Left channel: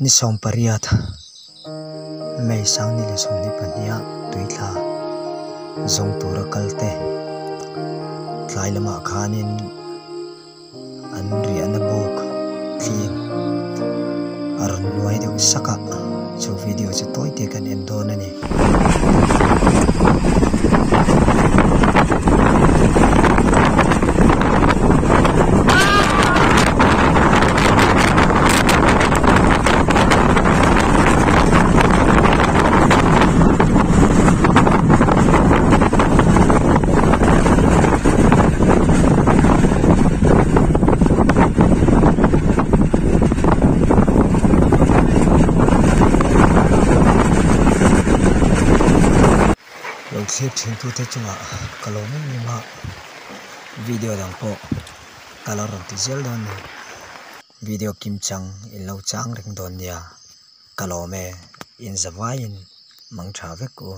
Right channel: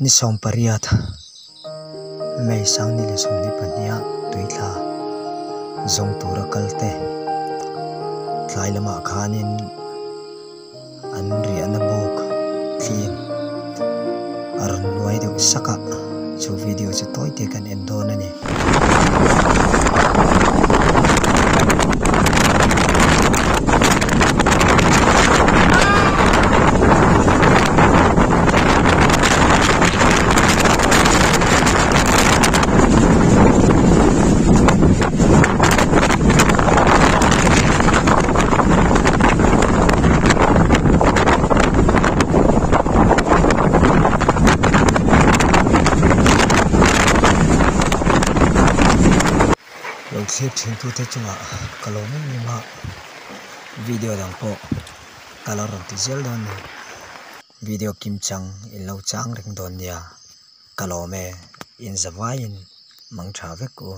ni som pariat mei sang ni le som ni pania tuitha zong tura kalte tlai lama khanin an ri anabok clean aron nuai deuh saka chu video chu toy te kan endon ani clip thing tu te chunga kalong ni ma video dang po color ti zel don video kim chang in lo chang ring don ya kalome in zawain mang tha vek ko